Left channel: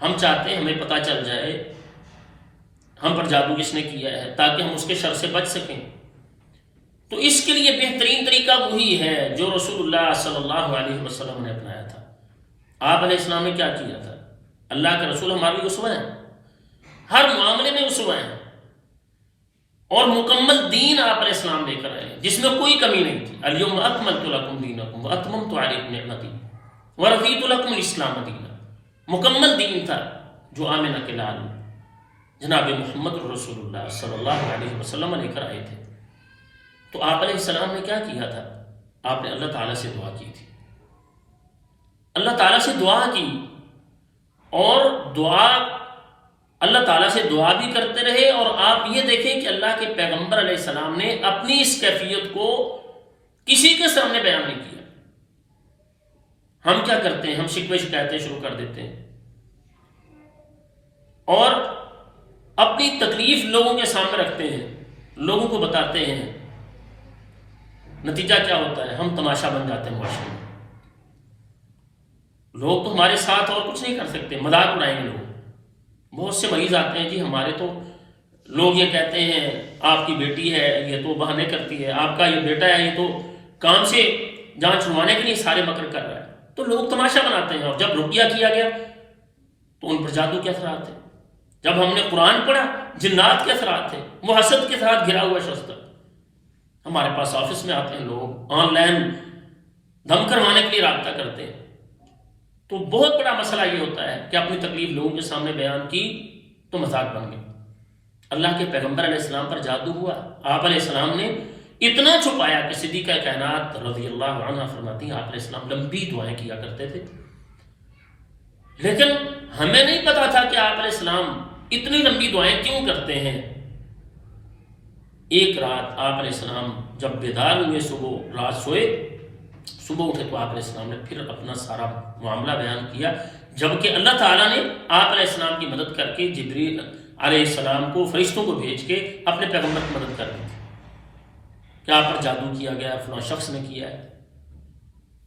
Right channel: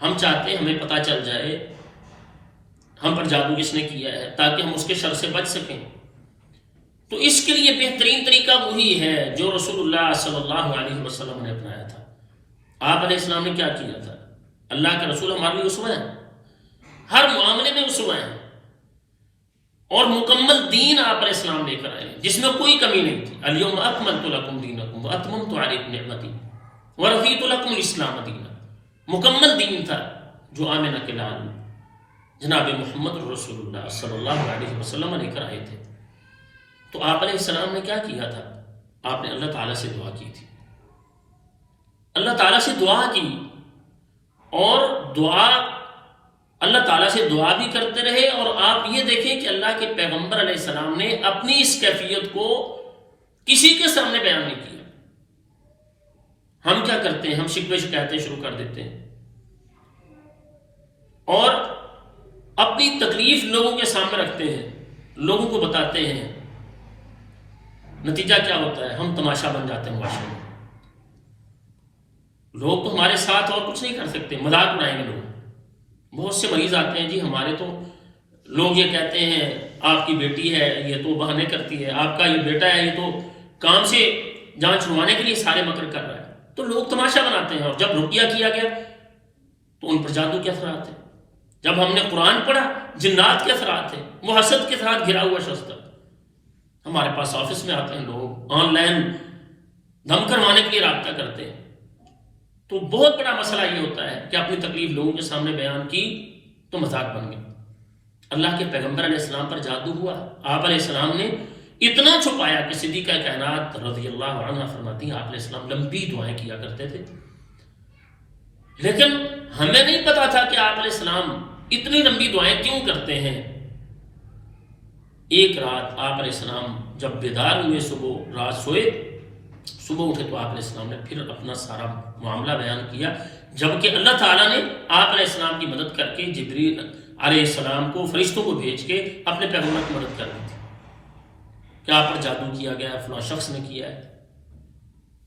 ہم چاہتے ہیں ہمیں پتہ چل جائے ہم پر جادو کس نے کیا ہے تاکہ ہم اس کے شر سے بچ سکیں. تو اس کے لیے بہترین طریقہ وہی ہے جو رسول اللہ صلی اللہ علیہ وسلم نے اپنایا تھا. آپ علیہ السلام نے کیا کیا تھا؟ اللہ کے رسول ہمارے لیے اسوہ ہیں، ہر معاملے میں اسوہ ہیں، اور مکمل دین آپ علیہ السلام لے کر آئے جس میں کوئی کمی نہیں تھی. الیوم اکملت لکم دینکم واتممت علیکم نعمتی ورضیت لکم الاسلام دینا. مکمل دین تھا جو آمنہ کے لال جناب محمد رسول اللہ صلی اللہ علیہ وسلم لے کر آئے تھے. تو آپ علیہ السلام نے کیا کیا تھا؟ آپ نے اللہ تعالیٰ سے دعا کی تھی. اللہ تعالیٰ سے دعا کی، اور دعا اللہ تعالیٰ سے دعا بھی کرتے رہے. اور آپ یہ دیکھیں کہ اللہ کے پیغمبر علیہ السلام نے اپنی اس کیفیت کو کسی کے سامنے بیان نہیں کیا. ہم کیا کرتے ہیں؟ ہم شکوے شکایتیں شروع کر دیتے ہیں اور اپنی تکلیف لوگوں کے سامنے رکھتے ہیں، لوگوں کو بتاتے ہیں. نتیجہ کیا ہوتا ہے؟ ہم تماشا بن جاتے ہیں معاشرے میں. لوگ تو ہمارے ساتھ اور کچھ نہیں کر سکتے، مذاق اڑائیں گے لوگ. بہت سے مریض آتے ہیں، جی ہمارے تو لوگ یہ کہتے ہیں آپ کی بیٹی ہے یہ تو بہانے کرتی ہے، آپ کا یہ بیٹا ہے یہ تو کام سے جان چھڑوانے کے لیے سارے مکر کر رہا ہے. تو لوگ تماشا بناتے ہیں. اور جب رقیہ کیا گیا تو ان پر جادو کے اثرات تھے. جب ہم نے قرآن پڑھا جنات کے اثرات تھے. وہ حسد کے ساتھ گھرا ہوا شخص تھا. ہمارے پاس آفس میں آتے ہیں لوگ، آن لائن دھم کروانے کے لیے رابطہ کرتے ہیں. تو بہت بڑا مسئلہ یہ ہوتا ہے کہ اپنی تکلیف لوگوں کے سامنے بیان کی تو مذاق بن گئی. اللہ کے پیغمبر علیہ السلام پر جادو ہوا. آپ علیہ السلام نے اتنا چھپایا کہ صدیقہ کائنات رضی اللہ عنہ فرماتی ہیں آپ علیہ السلام لمبی دعائیں کیا کرتے تھے. لیکن ہمیں نہیں پتا تھا کہ آپ علیہ السلام اتنی لمبی دعائیں کیوں کرتے ہیں. ایک رات آپ علیہ السلام جب بیدار ہوئے، صبح رات سوئے، صبح اٹھے تو آپ علیہ السلام نے پھر اپنا سارا معاملہ بیان کیا، جبکہ اللہ تعالیٰ نے آپ علیہ السلام کی مدد کر کے جبریل علیہ السلام کو فرشتوں کو بھیج کے اپنے پیغمبر کی مدد کر دی تھی کہ آپ پر جادو کیا گیا، فلاں شخص نے کیا ہے.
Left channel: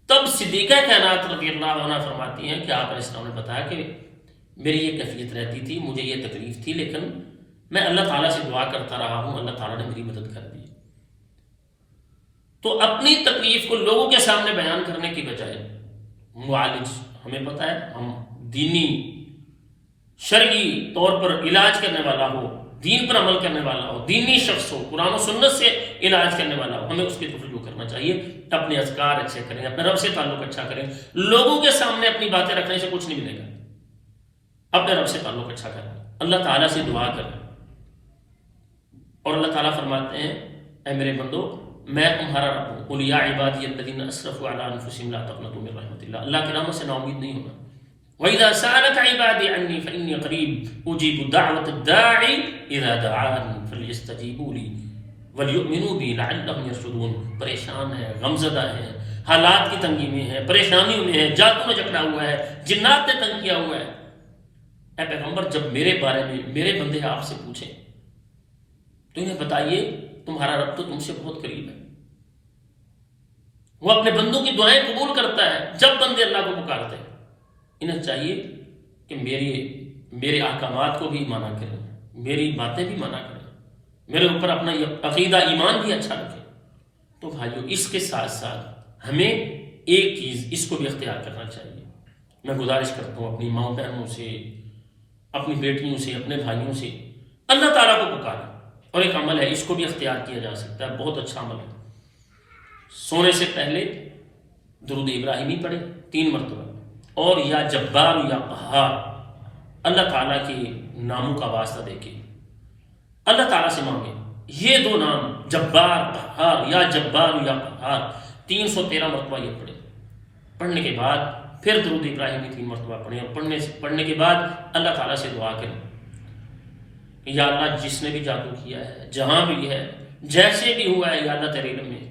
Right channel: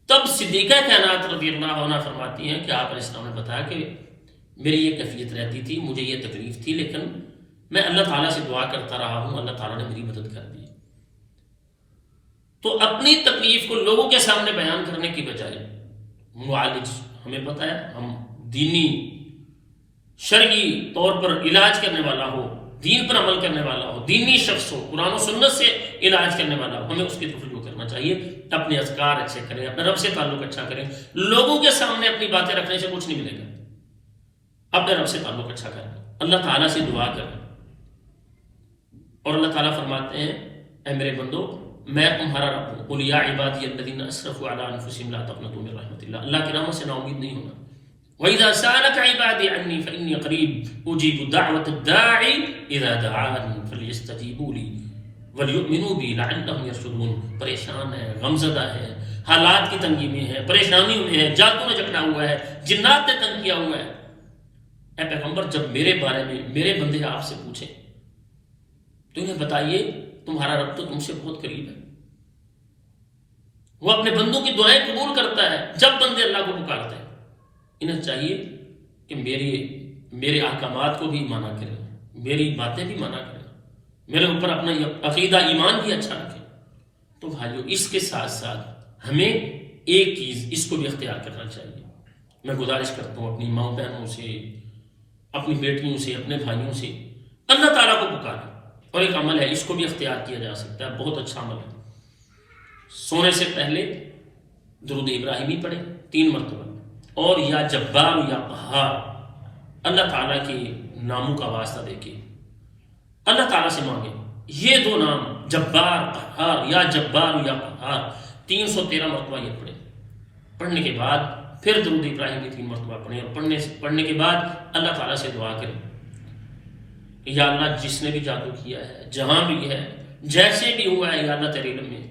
تب صدیقہ کائنات رضی اللہ عنہ فرماتی ہیں کہ آپ علیہ السلام نے بتایا کہ میری یہ کیفیت رہتی تھی، مجھے یہ تکلیف تھی، لیکن میں اللہ تعالیٰ سے دعا کرتا رہا ہوں، اللہ تعالیٰ نے میری مدد کر دی. تو اپنی تکلیف کو لوگوں کے سامنے بیان کرنے کی بجائے معالج، ہمیں پتہ ہے ہم دینی شرعی طور پر علاج کرنے والا ہو، دین پر عمل کرنے والا ہو، دینی شخص ہو، قرآن و سنت سے علاج کرنے والا ہو، ہمیں اس کی طرف رجوع کرنا چاہیے. اپنے اذکار اچھے کریں، اپنے رب سے تعلق اچھا کریں. لوگوں کے سامنے اپنی باتیں رکھنے سے کچھ نہیں ملے گا. اپنے رب سے تعلق اچھا کریں، اللہ تعالیٰ سے دعا کریں. اور اللہ تعالیٰ فرماتے ہیں اے میرے بندو میں تمہارا رب ہوں. قل یا عبادی الذین اسرفوا علی انفسہم لا تقنطوا من رحمت اللہ. اللہ کی رحمت سے نا امید نہیں ہونا. وَإِذَا سَأَلَكَ عِبَادِي عَنِّي فَإِنِّي قَرِيبٌ أُجِيبُ دَعْوَةَ الدَّاعِ إِذَا دَعَانِ فَلْيَسْتَجِيبُوا لِي وَلْيُؤْمِنُوا بِي لَعَلَّهُمْ يَرْشُدُونَ. پریشان ہے، غمزدہ ہے، حالات کی تنگی میں ہے، پریشانیوں میں ہے، جادو نے جکڑا ہوا ہے، جنات نے تنگ کیا ہوا ہے. اے پیغمبر جب میرے بارے میں میرے بندے آپ سے پوچھیں تو انہیں بتائیے تمہارا رب تو تم سے بہت قریب ہے. وہ اپنے بندوں کی دعائیں قبول کرتا ہے جب بندے اللہ کو پکارتے ہیں. انہیں چاہیے کہ میرے احکامات کو بھی مانا کریں، میری باتیں بھی مانا کریں، میرے اوپر اپنا عقیدہ ایمان بھی اچھا رکھیں. تو بھائیو اس کے ساتھ ساتھ ہمیں ایک چیز اس کو بھی اختیار کرنا چاہیے. میں گزارش کرتا ہوں اپنی ماؤں بہنوں سے، اپنی بیٹیوں سے، اپنے بھائیوں سے، اللہ تعالیٰ کو پکاریں. اور ایک عمل ہے اس کو بھی اختیار کیا جا سکتا ہے، بہت اچھا عمل ہے. سونے سے پہلے درود ابراہیمی پڑھیں 3 مرتبہ، اور یا جبار یا قہار اللہ تعالیٰ کے ناموں کا واسطہ دے کے اللہ تعالیٰ سے مانگیں. یہ 2 نام جبار قہار یا جبار یا قہار 313 مرتبہ یہ پڑھیں. پڑھنے کے بعد پھر درود ابراہیمی 3 مرتبہ پڑھیں، اور پڑھنے کے بعد اللہ تعالیٰ سے دعا کریں کہ یا اللہ جس نے بھی جادو کیا ہے، جہاں بھی ہے، جیسے بھی ہوا ہے، یا اللہ تیرے علم میں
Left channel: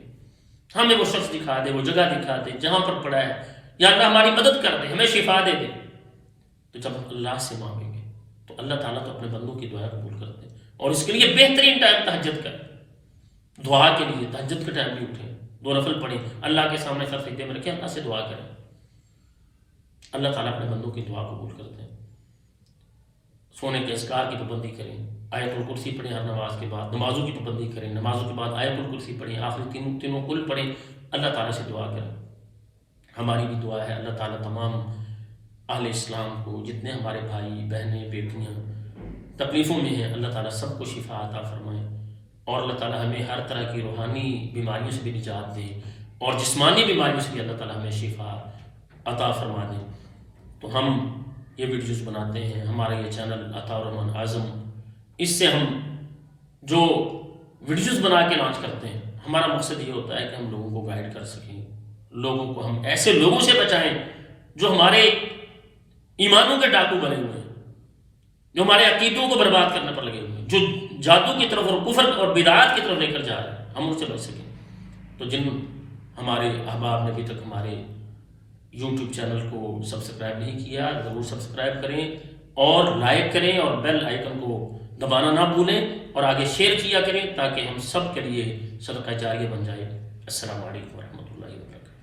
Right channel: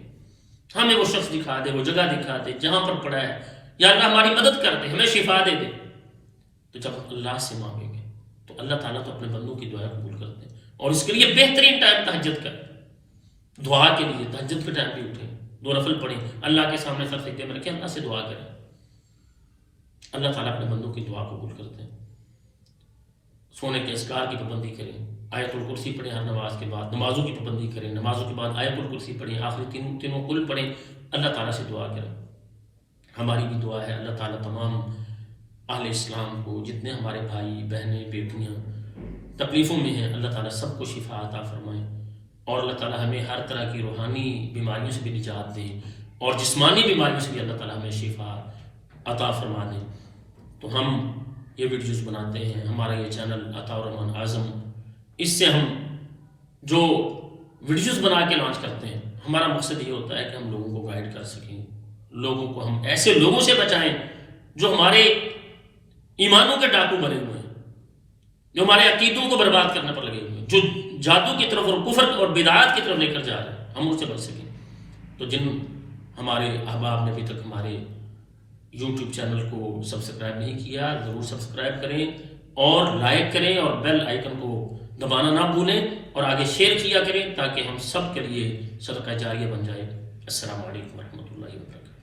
ہمیں وہ شخص دکھا دے، وہ جگہ دکھا دے جہاں پر پڑا ہے، یا اللہ ہماری مدد کر دے، ہمیں شفا دے دے. تو جب ہم اللہ سے مانگیں گے تو اللہ تعالیٰ تو اپنے بندوں کی دعائیں قبول کرتے ہیں. اور اس کے لیے بہترین ٹائم تہجد کا ہے. دعا کے لیے تہجد کے ٹائم بھی اٹھیں، 2 نفل پڑھیں، اللہ کے سامنے سر سجدے میں رکھیں، اللہ سے دعا کریں. اللہ تعالیٰ اپنے بندوں کی دعا قبول کرتے ہیں. سونے کے اذکار کی پابندی کریں، آیت الکرسی پڑھیں ہر نماز کے بعد، نمازوں کی پابندی کریں، نمازوں کے بعد آیت الکرسی پڑھیں، آخری تینوں کل پڑھیں، اللہ تعالیٰ سے دعا کریں۔ ہماری بھی دعا ہے اللہ تعالیٰ تمام اہل اسلام کو، جتنے ہمارے بھائی بہنیں بیٹیاں تکلیفوں میں ہیں، اللہ تعالیٰ سب کو شفا عطا فرمائیں، اور اللہ تعالیٰ ہمیں ہر طرح کی روحانی بیماریوں سے بھی نجات دے، اور جسمانی بیماریوں سے بھی اللہ تعالیٰ ہمیں شفا عطا فرما دیں۔ تو ہم یہ ویڈیوز بناتے ہیں، ہمارا یہ چینل عطا الرحمن اعظم، اس سے ہم جو ویڈیوز بنا کے لانچ کرتے ہیں، ہمارا مقصد یہ ہوتا ہے کہ ہم لوگوں کو گائیڈ کر سکیں، لوگوں کو ہم ایسے لوگوں سے بچائیں جو ہمارے ایمانوں کے ڈاکو بنے ہوئے ہیں، جو ہمارے عقیدوں کو برباد کرنے پر لگے ہوئے ہیں، جو جادو کی طرف اور کفر اور بدعات کی طرف لے کر جا رہے ہیں، ہم ان سے بچ سکیں۔ تو جن ہمارے احباب نے ابھی تک ہمارے یوٹیوب چینل کو سبسکرائب نہیں کیا، ضرور سبسکرائب کریں اور لائک کریں اور بیل آئیکن کو دبانا نہ بھولیں، اور آگے شیئر کیا کریں تاکہ ہم سب کے لیے صدقہ جاریہ بن جائے۔ السلام علیکم ورحمۃ اللہ وبرکاتہ۔